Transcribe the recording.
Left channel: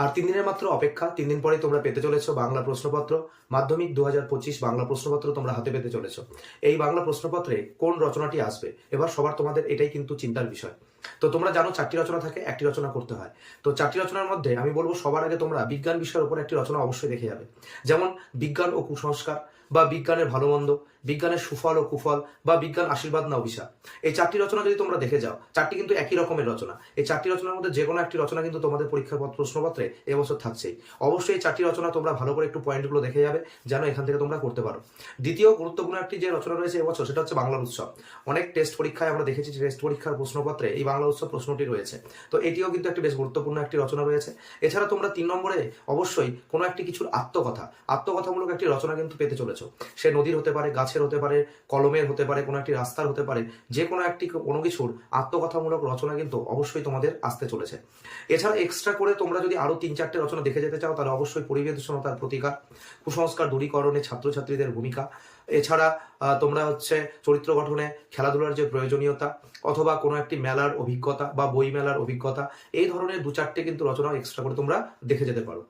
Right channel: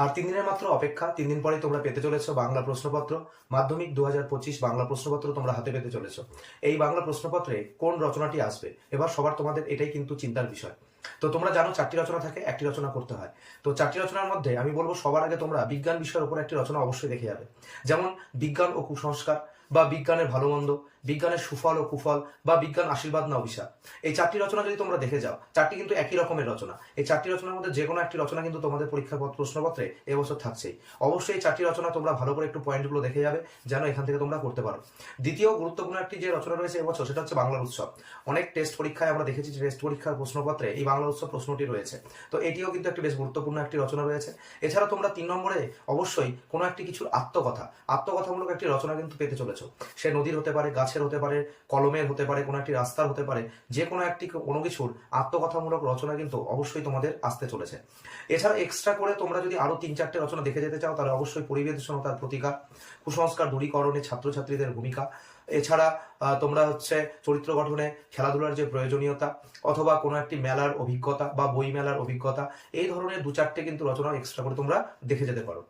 আর 3 দিনের মাত্র অপেক্ষা। 3 দিন পরেই তোমরা পেতে চলেছো বাংলা প্রশ্নপত্র। মাধ্যমিক 2025 বাংলা প্রশ্নপত্র তোমরা হাতে পেতে চলেছো। এই বাংলা প্রশ্নপত্রে কোন রচনাটি আসবে, এবার সবার তোমাদের এটাই কিন্তু চিন্তার বিষয়। তো তোমরা জানো 4টি রচনা থাকে, একটি রচনা করতে হয়। তো 4টি রচনার মধ্যে আমি বলবো সবার আগে তোমরা বিজ্ঞান বিষয়ের উপর একটি রচনা অবশ্যই দেখে যাবে। যেমন বিজ্ঞান ও কুসংস্কার, বা বিজ্ঞানের ভালো মন্দ, বিজ্ঞানের সুফল ও কুফল, বা বিজ্ঞান আশীর্বাদ না অভিশাপ। এই 4টি রচনা যদি তোমরা দেখে যাও, 4টি কিন্তু একই রকমের রচনা। এই 4টি রচনার মধ্যে যে কোনো একটি রচনা কিন্তু তোমাদের পরীক্ষার প্রশ্নপত্রে এবছর থাকছেই। অবশ্যই এই 4টি রচনা তোমরা ভালো করে একটু পয়েন্টগুলো দেখে যাবে, যেন এখান থেকে তোমরা করতে পারো। দ্বিতীয় গুরুত্বপূর্ণ একটি যে রচনা রয়েছে এবছর, সেটা হচ্ছে বাংলা উৎসব। অনেক টেস্ট পরীক্ষায় আমরা দেখেছি যে টেস্ট পরীক্ষার প্রশ্নপত্রে এই বাংলা উৎসব প্রশ্নটি রয়েছে। তো এটিও কিন্তু একটি বেশ গুরুত্বপূর্ণ একটি রচনা রয়েছে। এছাড়া তোমরা 3 নম্বরে অবশ্যই কোনো একটি কিছুর আত্মকথামূলক একটি রচনা কিন্তু পেতে চলেছো। সে নদীর হতে পারে, গাছের হতে পারে, কলমের হতে পারে, কোনো একটি রাস্তার হতে পারে, যে কোনো কিছুর আত্মকথামূলক রচনা কিন্তু অবশ্যই তোমাদের আসতে চলেছে। এছাড়া এক্সট্রা করে তোমরা যদি আরো 3-4টে রচনা দেখে যেতে চাও, তাহলে অবশ্যই পরিবেশনতার প্রতিকার, কুসংস্কার দূরীকরণে ছাত্রছাত্রীদের ভূমিকা, এছাড়া তোমরা হচ্ছে চরিত্র গঠনে খেলাধুলার যে প্রয়োজনীয়তা, অথবা কোনো একটি মেলার অভিজ্ঞতা বা বই মেলার অভিজ্ঞতা, এই ধরনের 2-4টে কিন্তু রচনা এক্সট্রা করে তোমরা দেখে যেতে পারো।